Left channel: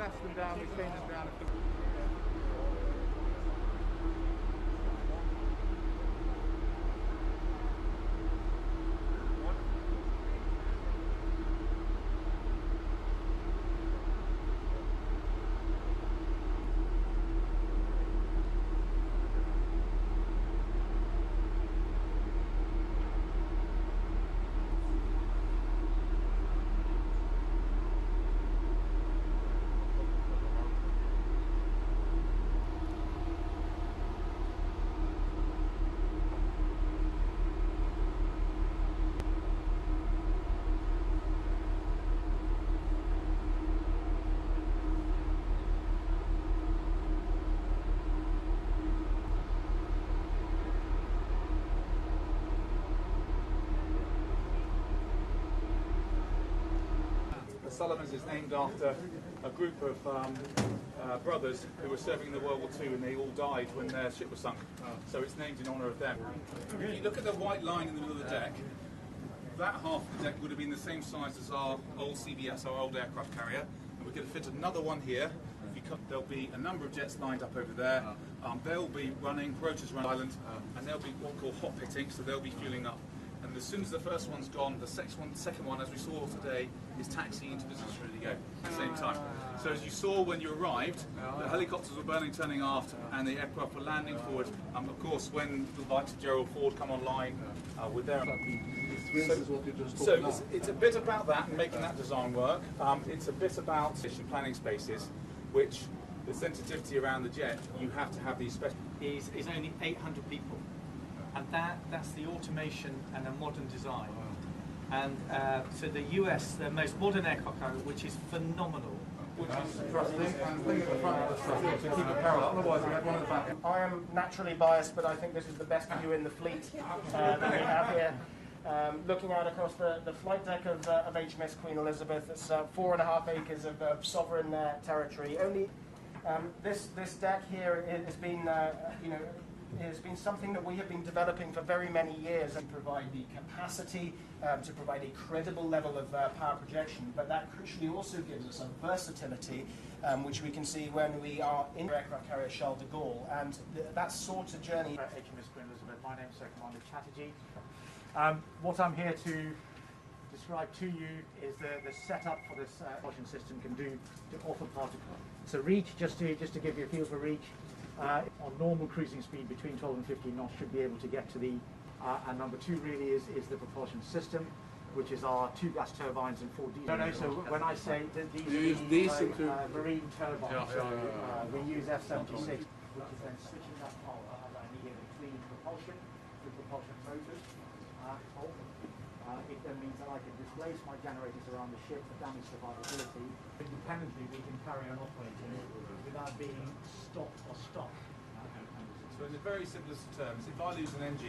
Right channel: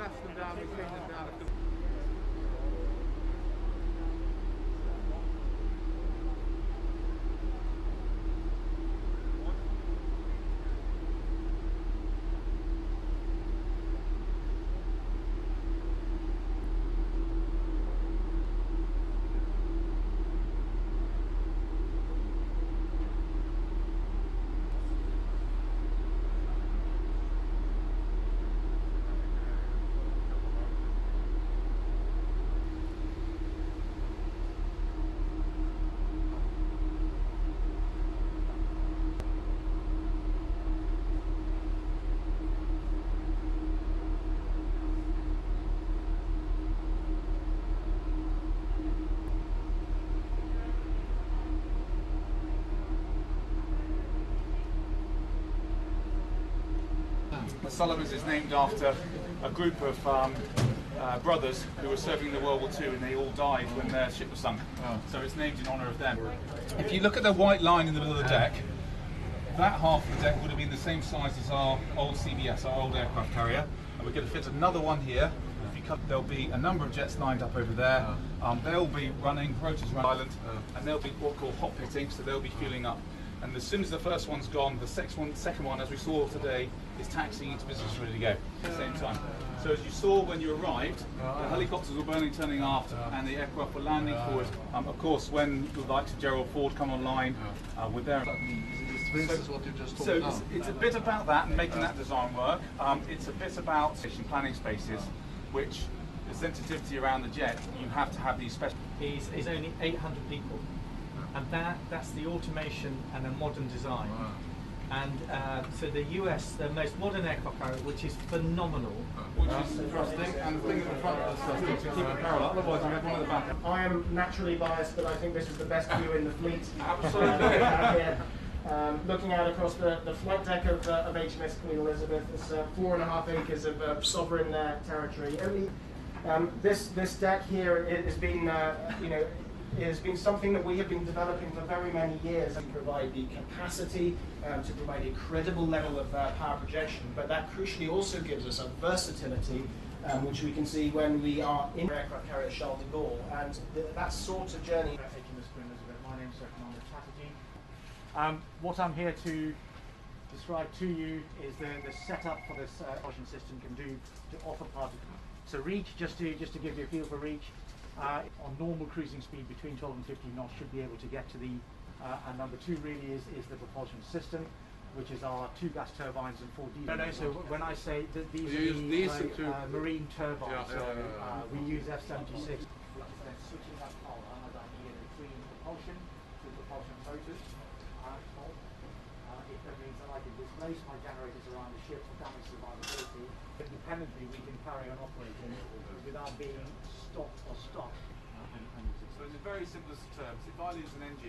glass them down, we clean them down. Sullivan's is named after a group of brothers who were serving in the World War II, and they all died when their ship was sunk. Oh. So it's named in honour of them. If you look at the white line in the middle of the deck, that half of the deck would have been the same size as our old CBS, our old aircraft carrier, and we're going to fit another one here. There'll be a number of jets lined up over there. They'll be running, rotors around the island, and they'll be what we call hot pitting, so they'll be fueling up. And as soon as the first one's gone, the second one, as we saw today, is taxiing into position ready to go at the same time. So as you saw when you arrived, the helicopters were burning, turning aft, and the aircraft were landing forward. Of course, when the likes of Gerald Ford come online with their... So it's a bit about that and making that design work. It's a bit about planning spaces, which the sensitivity around the jet, you have to have these special... is only 800 people. And that's the automation and a modern design. Wow. And so the US, the most modern aircraft carrier, which is phenomenal. Which is thrusting and the thing at the front of the thrusting to keep it parallel, otherwise you have one at the back. I am naturally biased, but I think this is the best view in the fleet. Absolutely. Looking out across the flight deck of HMS Queen Elizabeth, it's 4.5 acres of sovereign territory. Only this deck here has been, it has been something that we have been developing for very many years to provide the capacity, to provide a credible level of power projection, but that crucially also gives us a versatility, which we can see when we are in aircraft carrier Charles de Gaulle, and that sort of journey. HMS Queen Elizabeth, my name's Commander Chatterjee. What I'm here to describe to you is the setup for this propulsion system can do to offer particle. So reach, just to give you a feel for reach, on normal cruising speed between 12 and 15 knots should be able to get to the, and number two really is the propulsion system, which is our 2 gas turbines and 4 diesel. No, so when I say that these are marine turbines, we use F-76, which is then switching that power as I need it between propulsion to propulsion motors. It then means that I can displace my generators around the ship for damage survivability. Independently, we can carry on operating without being stopped or stopped. So it's a very simplest of terms. If I lose an engine